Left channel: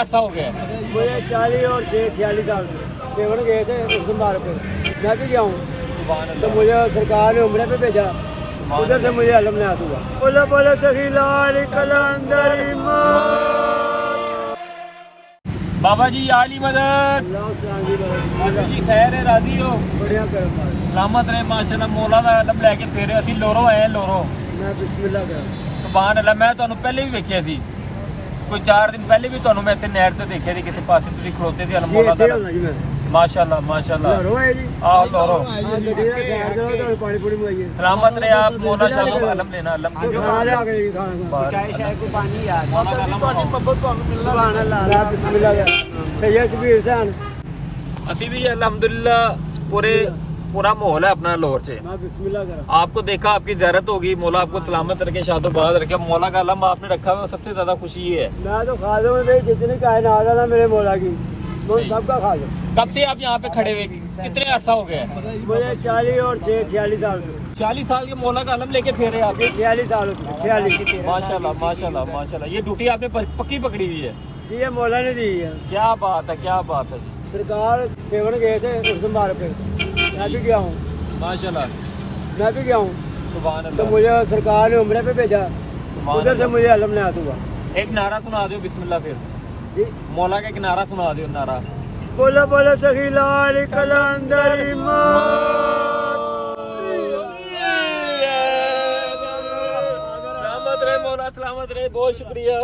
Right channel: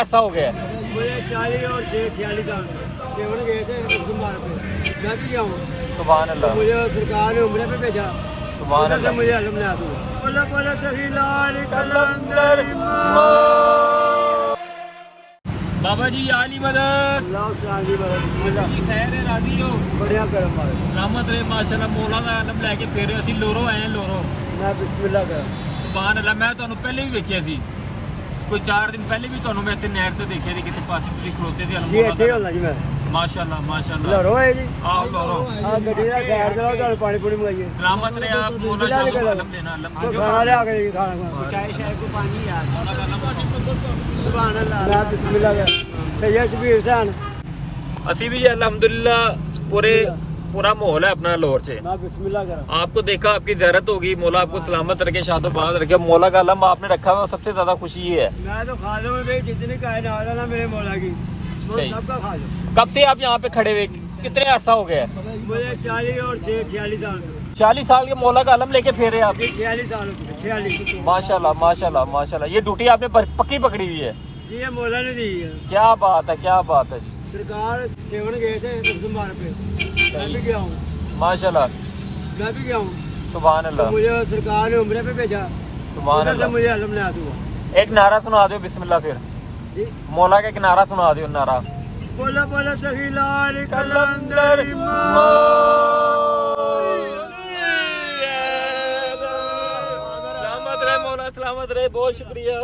अरसा हो गया है? मुझे 40 और 46 साल सेवन गए थे बीमार पे, मैं भी गया हूँ। सुभान तो अल्लाह। मुझे सरकार ने उम्र पे भेजा, उधर से मुझे अलम नहीं आता। बोलो बोलो सही लाल कलंदर बाबा जी आली मदद। अल्लाह सलामी बिस्मिल्लाह। जी खैर है, राजी हो? बढ़िया करम मारे, सलामत रहे माशाल्लाह। मौला ਦਾ ਇਲਮ ਲੈ ਕੇ ਫਿਰ ਅਸੀਂ ਲੋਰੋ ਆਏ ਹਾਂ, ਲੋਰੋ। मैं बिस्मिल्लाह कर। ਸੁਭਾਨ ਅੱਲਾਹ। ਮੈਂ ਤੁਹਾਨੂੰ ਪਹਿਲੇ ਵੀ ਵੇਖਿਆ ਸੀ, ਕੋਈ 4 ਦਿਨ ਪਹਿਲੇ ਵੀ ਤੁਹਾਨੂੰ ਮੈਂ ਇੱਥੇ ਨਹਿਰ ਤੇ ਦੇਖਿਆ ਸੀ, ਕਿਸੇ ਪਾਸੇ ਤੁਸੀਂ ਖਲੋਤੇ ਸੀ। जी ਅਲਮੋਲਾ इतने ਦਾ होना जी मैं माशाल्लाह माशाल्लाह। लहरों है जी। आओ लोरो। आ गड्डी का खैर दो तो पानी पूरी मंगाइए। सलामत रहे आप। मौला शाह को अलम देना, अलम तो खाना ले आ गए खाना चाय शाय को पानी यार। मौला का अलम हो। सुभान अल्लाह। मैं बिस्मिल्लाह कर। सैयद शबीर हुसैन। ਅਸੀਂ भी अल्हम्दुलिल्लाह पूरा माहौल है अपना लाहौर से। मैं बिस्मिल्लाह कर। आपको देखा, आपकी ज़ियारत होगी। मौला आपको सलामत रखे, शादोबाद रखे। मौला का अलम आपने रखा हुआ, सबसे ज्यादा खुशी ये है। मैं तो खा लूँ भाई, जितनी कायनात है ना मेरे मौला की, मैं सबका खा लूँ। कब से आप यहाँ पे खड़े हुए, कितने अरसा हो गया है? मुझे 40 और 46 साल 40 साल के मौला का अलम लेके फिर रहे हैं आप। 46 साल हो चुके, 46। माशाल्लाह माशाल्लाह माशाल्लाह। ये ड्यूटी आपने पक्की पकड़ी हुई है। जी ये मौला ने दी है। क्या बात है, क्या बात है। सरकार सेवन गए थे उस मार पे, मैं भी गया हूँ। माशाल्लाह मैं भी गया हूँ। सुभान तो अल्लाह। मुझे सरकार ने उम्र पे भेजा, सुभान उधर से अल्लाह। मुझे अलम नहीं आता हुआ। एक नारा सुना दो बिस्मिल्लाह फिर। जी मौला का एक नारा सुना दो, नारा। बोलो बोलो सही लाल कलंदर सलामत रहे मौला, सलामत रहे। बहुत शुक्रिया।